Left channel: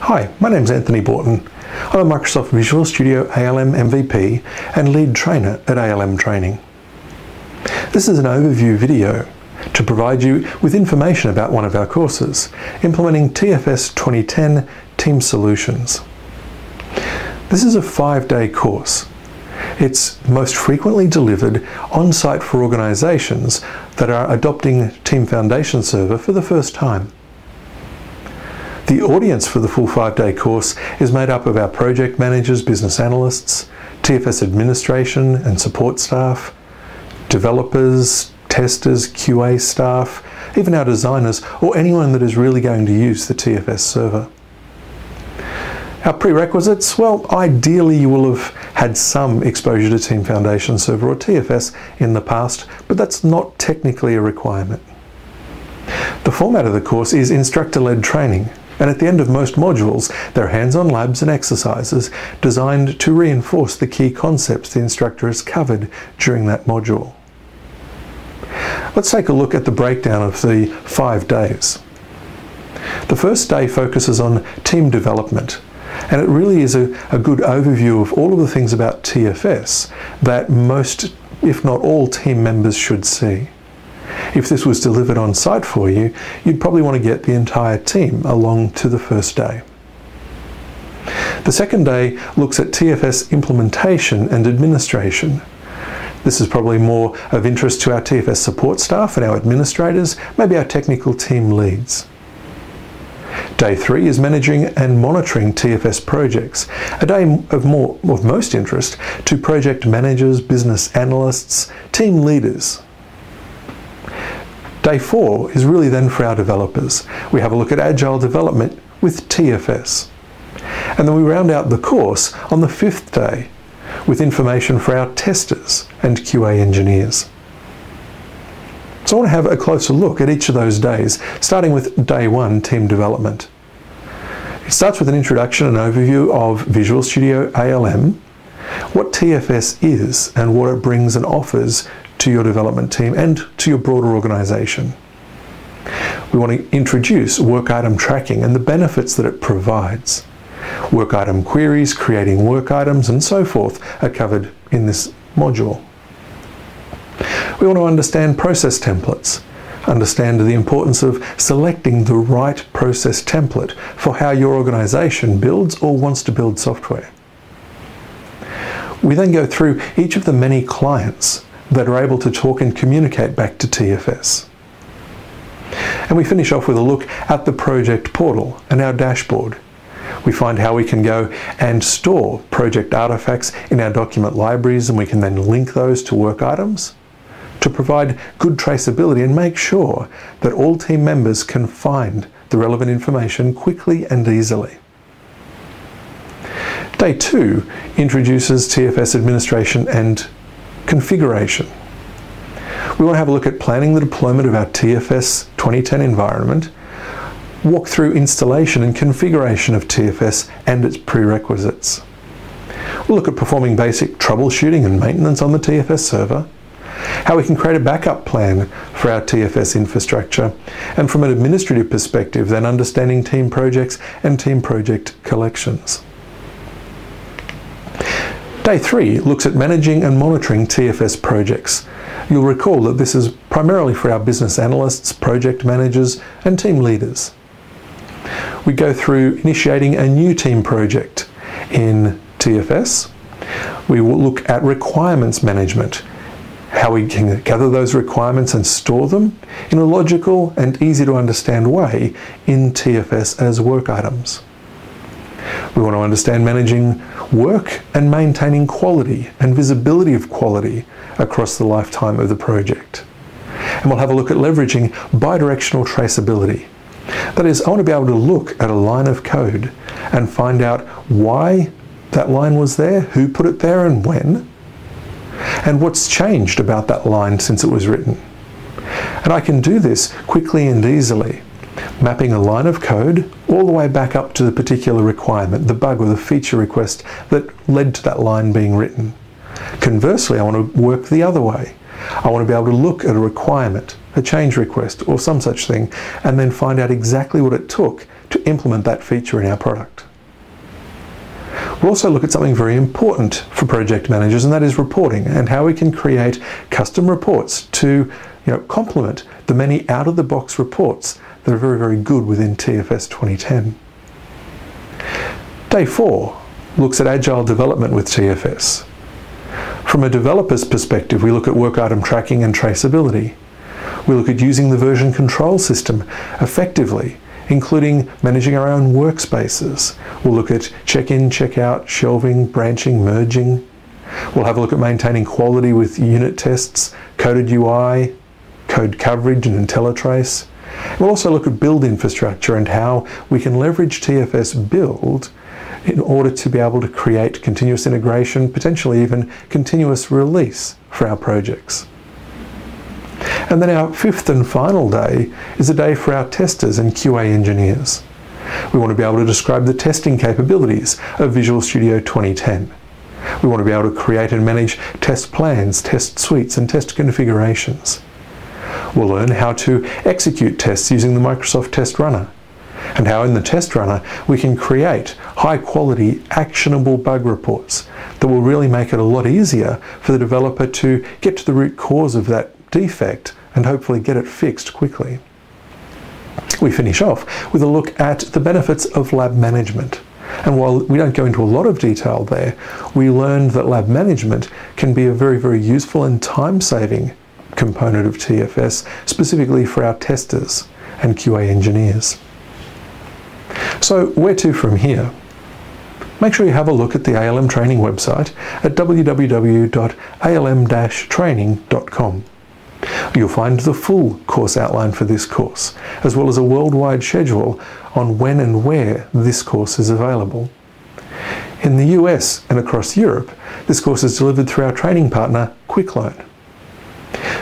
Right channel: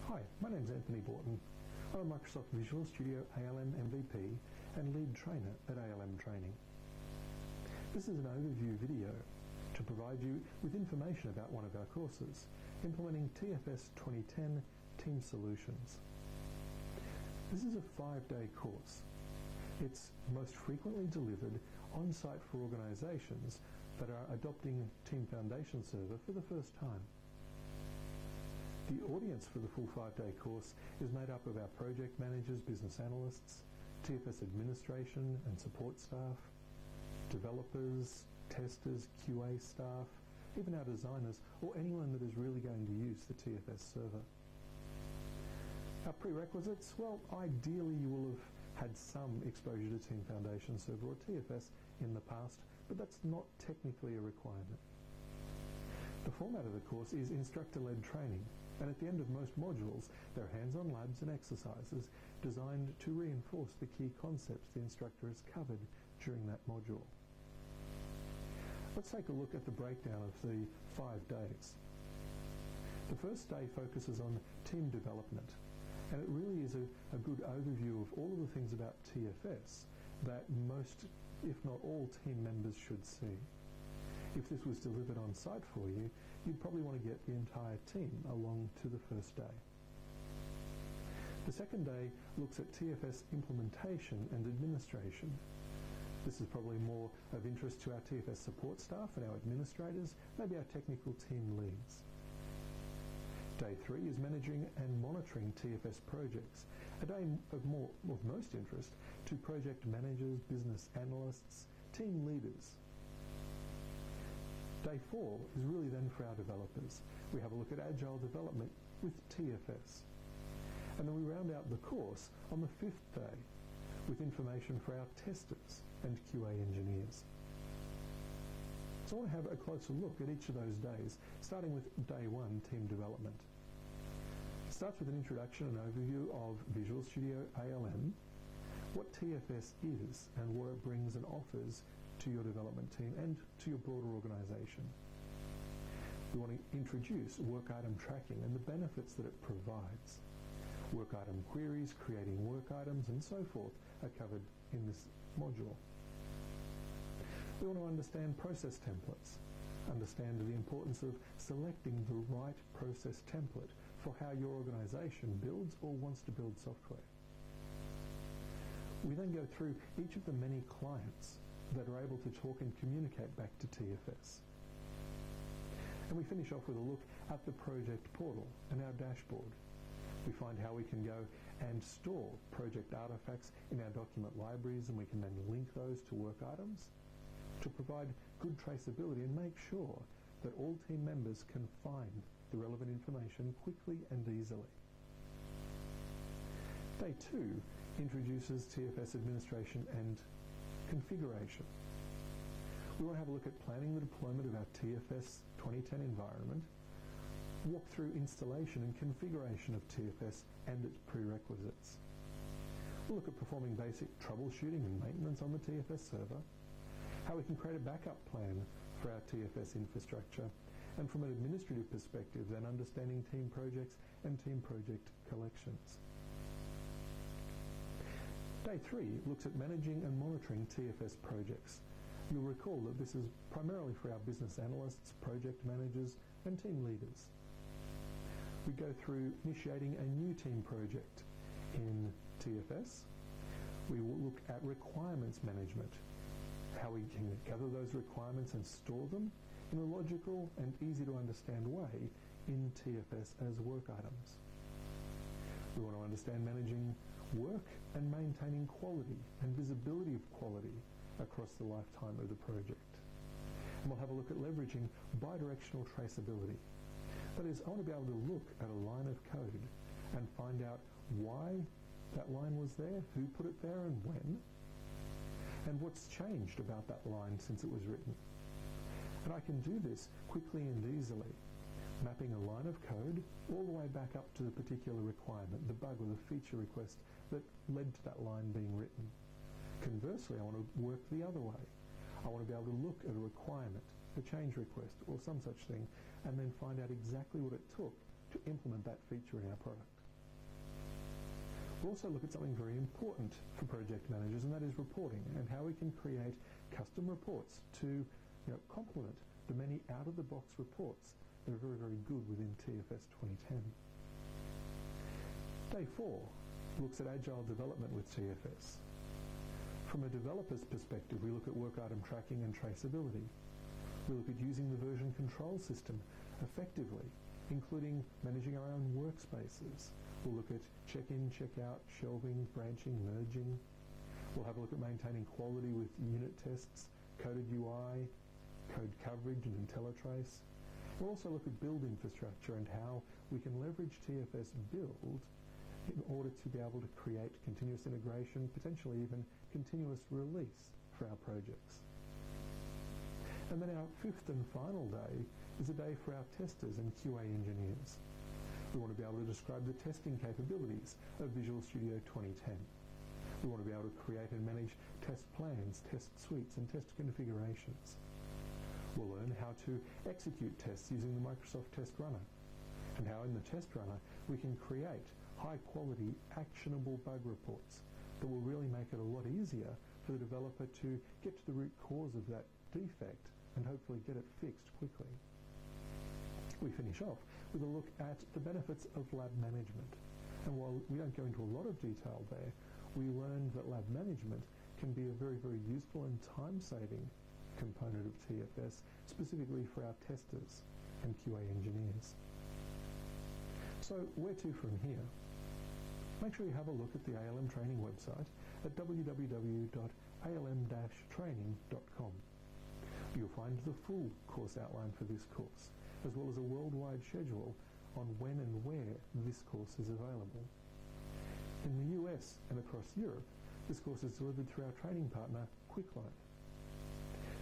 Hi, my name's Anthony Borton. I'm a Microsoft Visual Studio ALM MVP and lead trainer at ALM-Training. This is an overview video to provide you with information about one of our courses, Implementing TFS 2010 Team Solutions. This is a 5-day course. It's most frequently delivered on-site for organizations that are adopting Team Foundation Server for the first time. The audience for the full 5-day course is made up of our project managers, business analysts, TFS administration and support staff, developers, testers, QA staff, even our designers, or anyone that is really going to use the TFS server. Our prerequisites, well, ideally you will have had some exposure to Team Foundation Server or TFS in the past, but that's not technically a requirement. The format of the course is instructor-led training, and at the end of most modules, there are hands-on labs and exercises designed to reinforce the key concepts the instructor has covered during that module. Let's take a look at the breakdown of the 5 days. The first day focuses on team development, and it really is a good overview of all of the things about TFS that most, if not all, team members should see. If this was delivered on site for you, you'd probably want to get the entire team along to the first day. The second day looks at TFS implementation and administration. This is probably more of interest to our TFS support staff and our administrators, maybe our technical team leads. Day 3 is managing and monitoring TFS projects, a day of most interest to project managers, business analysts, team leaders. Day 4 is really then for our developers. We have a look at agile development with TFS. And then we round out the course on the 5th day with information for our testers and QA engineers. So I want to have a closer look at each of those days, starting with day 1, team development. It starts with an introduction and overview of Visual Studio ALM, what TFS is and what it brings and offers to your development team and to your broader organization. We want to introduce work item tracking and the benefits that it provides. Work item queries, creating work items, and so forth are covered in this module. We want to understand process templates, understand the importance of selecting the right process template for how your organization builds or wants to build software. We then go through each of the many clients that are able to talk and communicate back to TFS. And we finish off with a look at the project portal and our dashboard. We find how we can go and store project artifacts in our document libraries, and we can then link those to work items to provide good traceability and make sure that all team members can find the relevant information quickly and easily. Day 2 introduces TFS administration and configuration. We want to have a look at planning the deployment of our TFS 2010 environment, walk through installation and configuration of TFS and its prerequisites. We'll look at performing basic troubleshooting and maintenance on the TFS server, how we can create a backup plan for our TFS infrastructure, and from an administrative perspective, then understanding team projects and team project collections. Day 3 looks at managing and monitoring TFS projects. You'll recall that this is primarily for our business analysts, project managers, and team leaders. We go through initiating a new team project in TFS. We will look at requirements management, how we can gather those requirements and store them in a logical and easy to understand way in TFS as work items. We want to understand managing work and maintaining quality and visibility of quality across the lifetime of the project. And we'll have a look at leveraging bidirectional traceability. That is, I want to be able to look at a line of code and find out why that line was there, who put it there and when, and what's changed about that line since it was written. And I can do this quickly and easily, mapping a line of code all the way back up to the particular requirement, the bug or the feature request that led to that line being written. Conversely, I want to work the other way. I want to be able to look at a requirement, a change request, or some such thing, and then find out exactly what it took to implement that feature in our product. We'll also look at something very important for project managers, and that is reporting, and how we can create custom reports to complement the many out-of-the-box reports that are very, very good within TFS 2010. Day 4 looks at agile development with TFS. From a developer's perspective, we look at work item tracking and traceability. We look at using the version control system effectively, including managing our own workspaces. We'll look at check-in, check-out, shelving, branching, merging. We'll have a look at maintaining quality with unit tests, coded UI, code coverage and IntelliTrace. We'll also look at build infrastructure and how we can leverage TFS build in order to be able to create continuous integration, potentially even continuous release for our projects. And then our 5th and final day is a day for our testers and QA engineers. We want to be able to describe the testing capabilities of Visual Studio 2010. We want to be able to create and manage test plans, test suites, and test configurations. We'll learn how to execute tests using the Microsoft Test Runner, and how in the Test Runner we can create high-quality, actionable bug reports that will really make it a lot easier for the developer to get to the root cause of that defect and hopefully get it fixed quickly. We finish off with a look at the benefits of lab management. And while we don't go into a lot of detail there, we learned that lab management can be a very, very useful and time-saving component of TFS, specifically for our testers and QA engineers. So where to from here? Make sure you have a look at the ALM-Training website at www.alm-training.com. You'll find the full course outline for this course, as well as a worldwide schedule on when and where this course is available. In the US and across Europe, this course is delivered through our training partner, QuickLearn.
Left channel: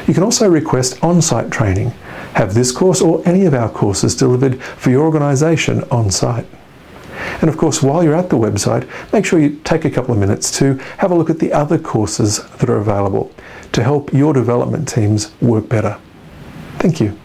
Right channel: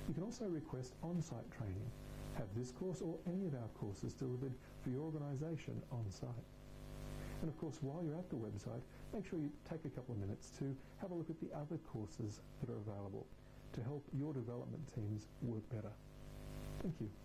You can also request on-site training, have this course or any of our courses delivered for your organisation on-site. And of course, while you're at the website, make sure you take a couple of minutes to have a look at the other courses that are available to help your development teams work better. Thank you.